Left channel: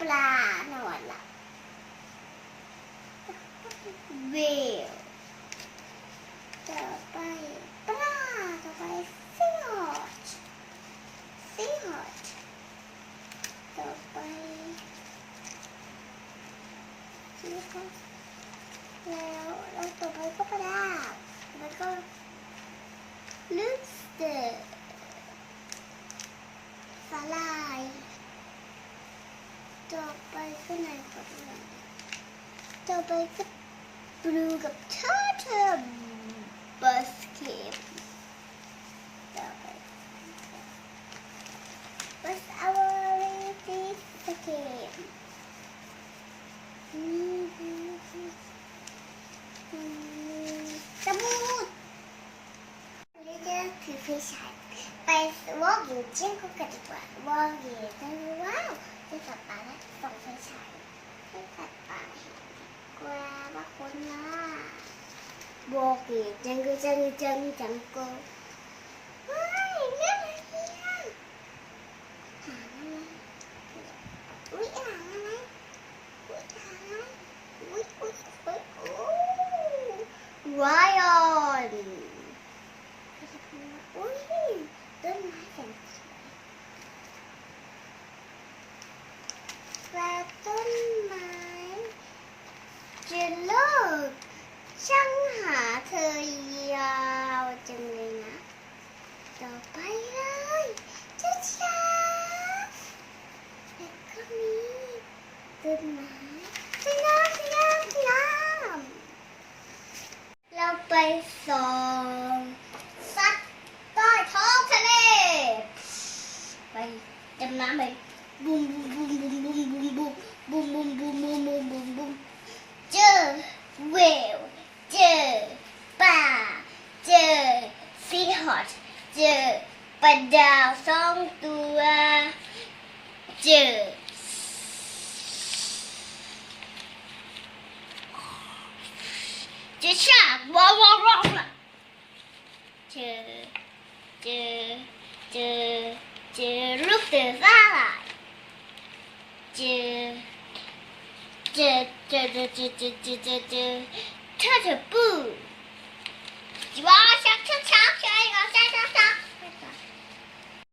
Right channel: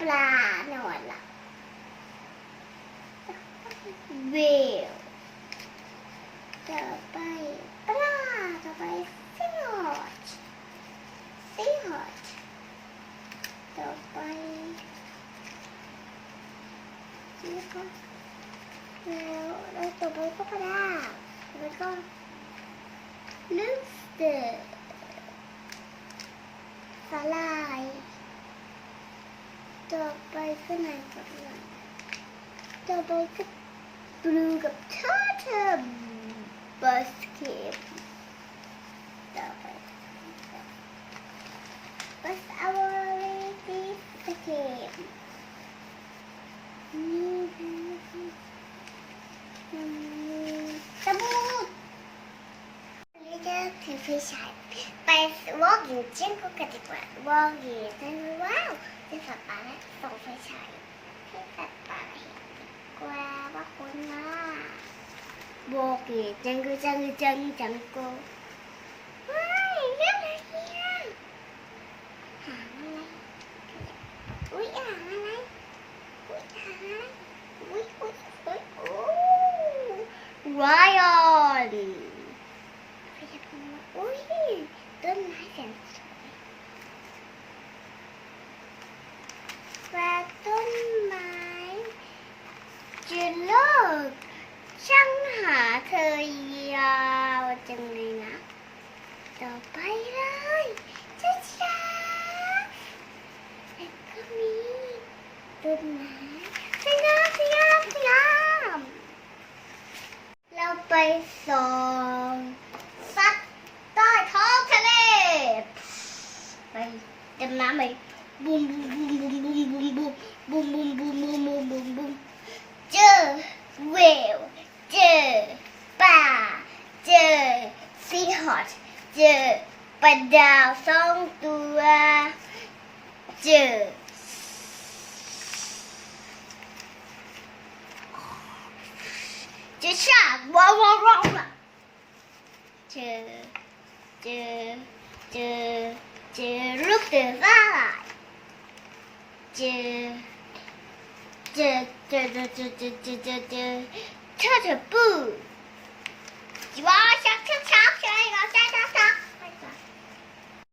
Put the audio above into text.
ปลาหนอนล่ะเวลต่อไปปลาต่อไปซีฮอตต่อไปแล้วต่อไปก็ปลาแล้วก็ลูกสเตอร์สาลายต่อไปก็ไหนกับไหนต่อไปก็บลูกับเทอร์เทอร์บัสเก็ตต่อไปบัสเอาไว้ที่สเก็ตสมุดนี่จะถือไฟฉายไปวอล์กอยู่เช่นก็กระดิกว่าวอล์กอยู่นั่นว้าวจะสัตว์ป่าและส่องไฟฉายให้สัตว์ป่าเห็นดีกว่าว่าคนน่ะบอกอยู่จังกูว้ายเรื่องอะไรเนี่ยหางอะไรอุ้ยหางอะไรอุ้ยวายออนอุ้ยต้นไม้แสนสวยว่าต้นไม้จะเลิกช่างหาเธอยาวจังเลยนะต่อไปเลยช้าๆแล้วก็มีต้นไม้สวยงามเราไปส่องสัตว์ใต้ท้องทะเลไปดำน้ำไปบูมเจอเวลเจอปลาเจอซีฮอตเจอปลาดาว2 ตัวเจอชากว้าวล่ะเจอลูกเสือสลายเจอเธอปูว้าชัก